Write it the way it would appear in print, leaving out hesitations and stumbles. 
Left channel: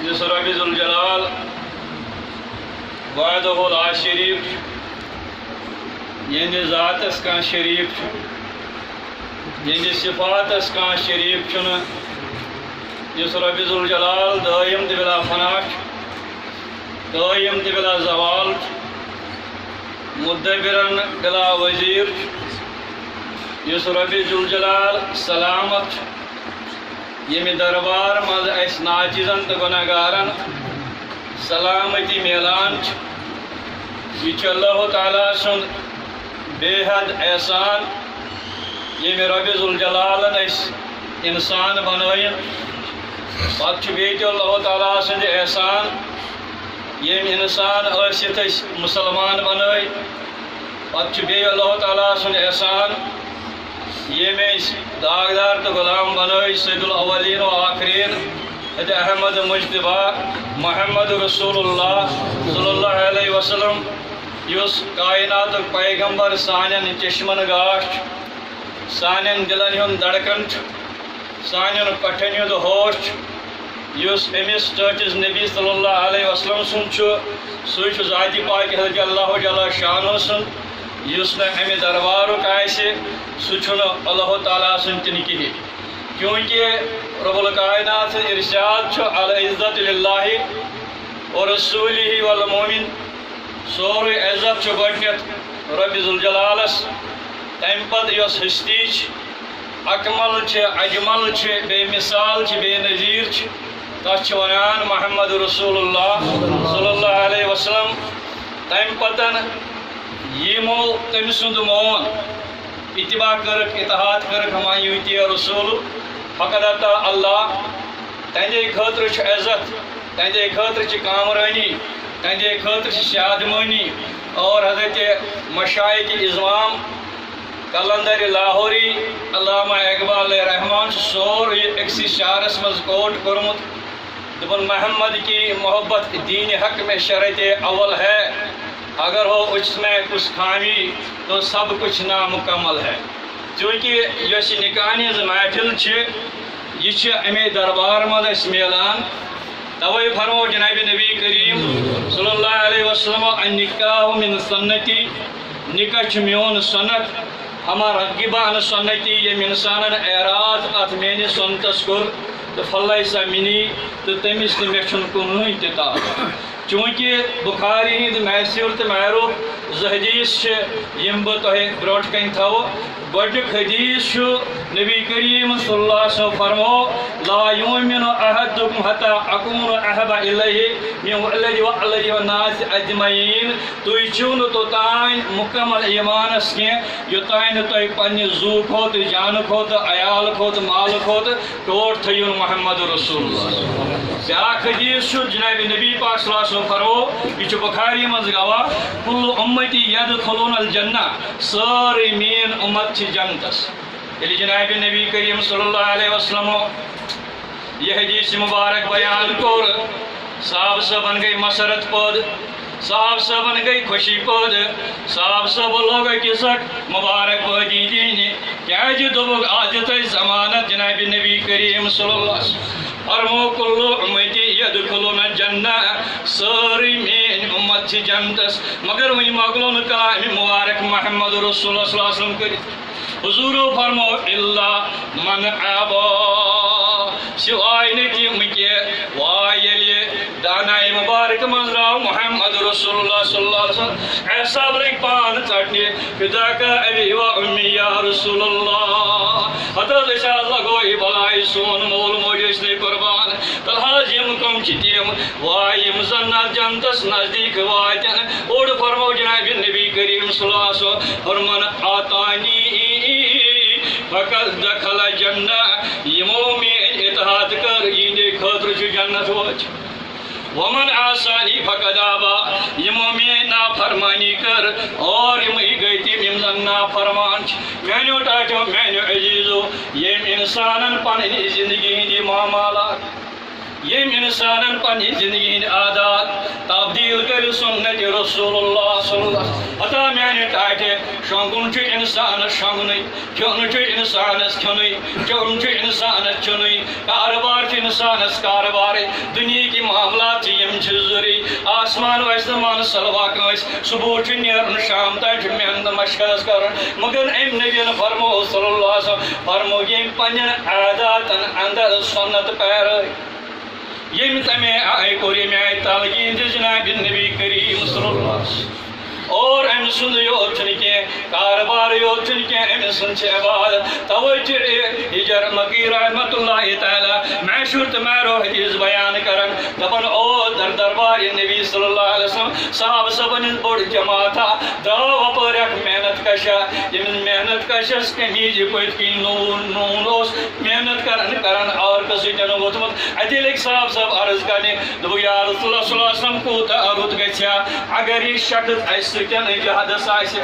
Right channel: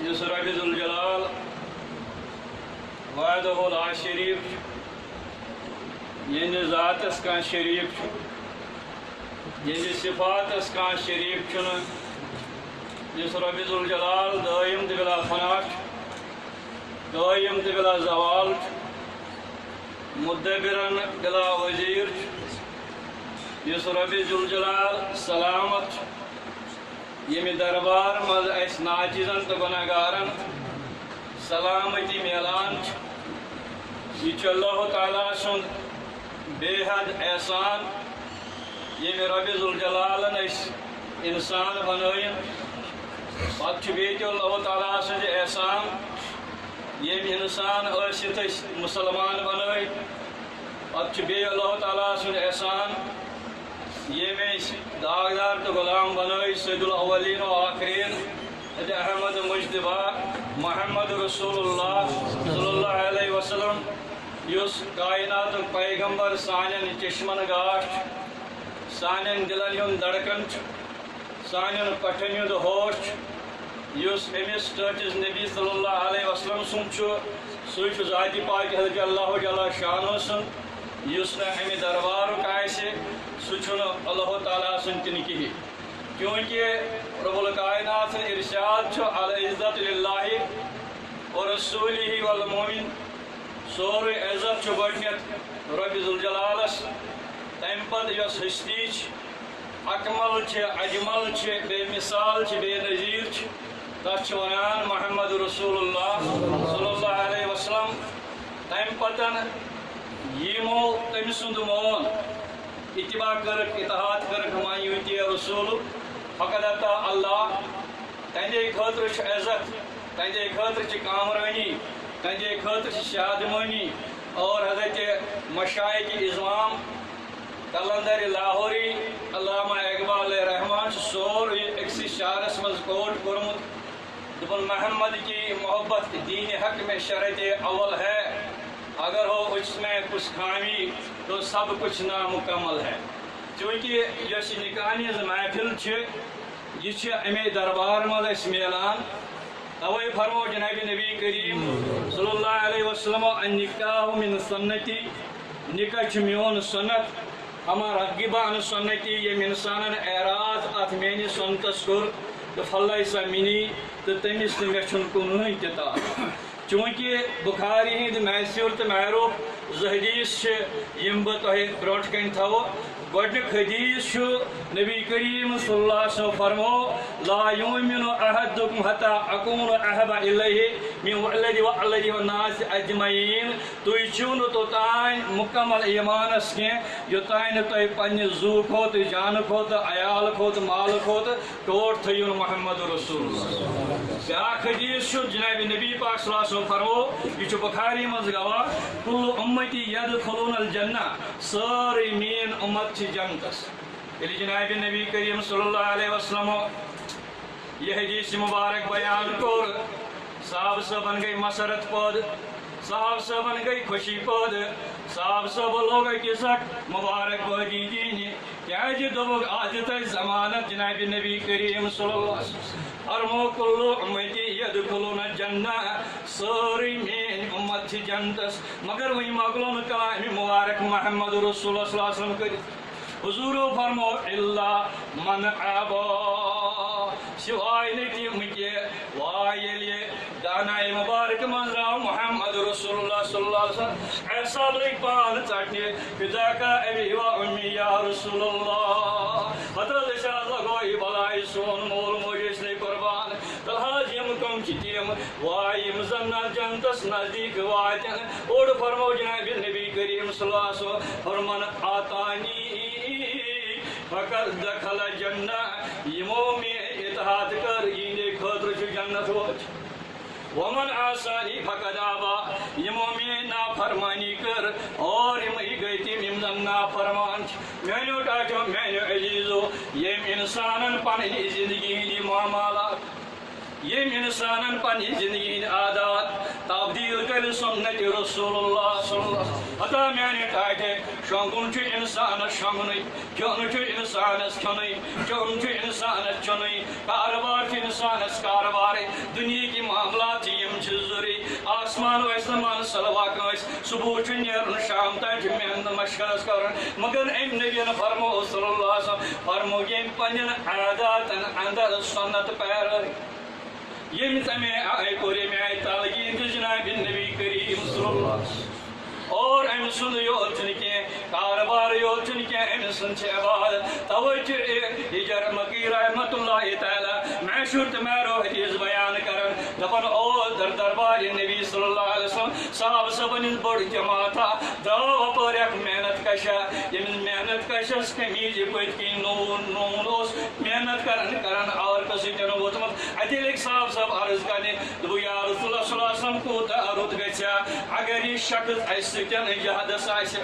یس رب ذوالجلال وحدہ لا شریف یعنی ذاتس کان شریف یعنی صفاتس کان شریف چھ یس رب ذوالجلال دائم تہ بلا فنا دائم تہ بلا زوال مدبرن بلا وزیر یس رب ذوالجلال سلامت یمی دربار مز اس ناچیزن تو گناہگارن سلامتی میلان یہ اللہ تعالیٰ سن بے حد احسان یمی رب ذوالجلالن اس انسان بنائن پتہ بیت اللہ تعالیٰ سن احسان یم انسان ٲسِتھ أسۍ مسلمان بنٲے پتہ بے اللہ تعالیٰ سن احسان یم داغدار تو غلام بنائی سید الاولین و آخرین حضرت احمد مجتبہ محمد رسول اللہ صلی اللہ علیہ وسلم یس کائنات پیغمبر سانن چشمن گاش سانن دلن ہند دڑکن سانن کٹھن ہند ہوش یس امس ٹچز نبی صلی اللہ علیہ وسلم سن سہ ذاتی پاک حضرت اللہ جل شانہ سن یس نا امہ دربارک آسہ سہ اللہ تعالیٰ سن تن کہین کیونکہ رب الکائنات ارشاد العزت للہ و رسولہ والمومن سوری عزت گۄڈنیتھ رب ذوالجلالس تمہ پتہ یس ہستی اکمل اجمل بے مثال بے نظیر تس ونان محمد رسول اللہ صلی اللہ علیہ وسلم تمہ پتہ یمو تم سند مون اتباع کرک اتحاد کرک ہما یوتی رسول فقد اتا اللہ تہندے خاطر عزت تہندے خاطر کامرانی تہندے خاطر شادمانی اور حضرت مشائق اعظام کلندر لاہوری علامہ اقبال رحمان سور اکسی شعرس مز کوٹ کورمت دپن محمد کی محبت دین حق میں شرط اول ہے اگر ہو اس میں کچھ خامی تو سب کچھ نامکمل ہے چونکہ یس نکاح محفل یہ امے دربار مز میلان توے فرمو جناب نبی کریم صلی اللہ علیہ وسلم النکاح من سنتی نکاح میون سنت ہما رقبان سنتی یم انسان اعراض ات میانس سنتس کور تو فلیس منی تو تمس مے کنوہ تہ تعلق چونکہ بخاری ہند محصور تو معروف زٕ حدیث یم بہ تہ برونٹ کن تھو گۄڈنیُک حدیث نبی کریم صلی اللہ علیہ وسلم فرمو لا یؤمن احدکم حتی اکون احب الیہ من ولدی ووالدی والناس اجمعین تُہۍ چھِو نہٕ توٚتام مکمل ایمانس کینٛہہ یوٚتام نہٕ تُہۍ پننہِ زُو کھۄتہٕ جانہٕ کھۄتہٕ عیال کھۄتہٕ مالہٕ کھۄتہٕ ٹوٹھ تھٲیِو محمد رسول اللہ بیاکھ حدیث جناب نبی پاک صلی اللہ علیہ وسلم فرمو یہ بخاری مز گواہ کل امتی یدخلون الجنہ سٲرٕے میٲنۍ امت چھ جنتس ییٚلہِ جناب نبی کریم صلی اللہ علیہ وسلم یہ حدیث مبارک بیان کور صاحب صاحبن گئی مسرت پد صاحب صاحبن گئی خوشی پد صاحب صاحب لوگ کسک مبارک بادی دینی کیاز دوبک آج تہ ضمانت جناب نبی کریم صلی اللہ علیہ وسلم فرمو کل امتی یدخلون الجنہ ساری مین امت چھ جنتس مگر وہی مغلون کلام مبارک محمد رسول اللہ صلی اللہ علیہ وسلم کرت حضور فرمو اللہ من ابا سوائے نتیم کے وائل دانائی مبارک منظراو محمد رسول اللہ صلی اللہ علیہ وسلم ایسا برک پان چٹنے فدا کا ابی و امی یا رسول اللہ حضرت اشارت لگوئی بلائی سون مول موجش نے قربان تلحاظ یم کم چتیم وائیم زنات جنتس نزدیک واتن اوڑ فرمو جناب نبی کریم صلی اللہ علیہ وسلم فرمان آتانی فقط دخل جنہ یمو میں اتحاد کر یہ خاطر جنت وچ ومن آسانی فقد آبا یمو میں نافرمانی کر اور یمئی گئی تیم یمزن نافرمان مینو ٹاٹو مینو عزیزو یم انسانن پننی زندگی ہندی معاملات یم انسانن پننی زندگی ہند عادات تبدیل کر سنت رسول اللہ صلی اللہ علیہ وسلم عطا میانہ ٹاٹے شونگن چھ انسانس شونگنی کھیون چھ انسانس کھیونی چون چھ انسانس چونی کاروبار چھ انسانس کاروبار دنیا کی آسمان ویسے مان سلوا کنس صبح نیرن شام تک محنت مشق کر مگر ام نبی فرمو صلی اللہ علیہ وسلم فرمو یم پن عاداتن اندر سنت پیرٲے یم تمے آئے کور یم آئے تلقین جناب نبی کریم صلی اللہ علیہ وسلم اور ام سند یوت کی کاربار یوت کی ام سند عبادت توجہ ہجر مکی رحمت اللہ تعالی معشور تمہارو حدیث بیان کرن دپن او در دربار نبی صلی اللہ علیہ وسلم صحابہ سبن بڑ جماعت دو پر محنت کشا یم محنت کشس کمیج پت کی نون اوس محنت کرن اور کسی جن ووتمت اتہ لگ صاحب سب عرض کرنے دو یا رسول اللہ صلی اللہ علیہ وسلم کوتا رت گھیا اگر یہ شخص اس سۭتۍ جہادس آسہِ